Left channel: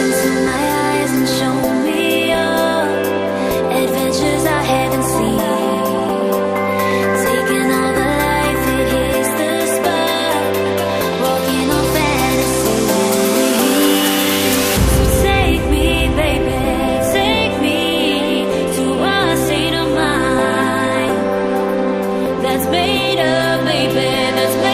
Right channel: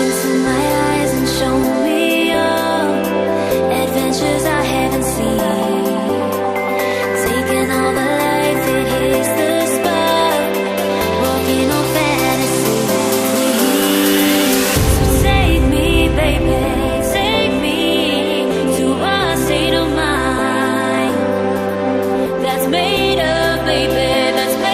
into my eyes and show me your adventures I haven't seen. Taking all the life, it hits the spot. Walking on fantasy. So take me, baby, take me to a state of mind that's made up, baby, that's made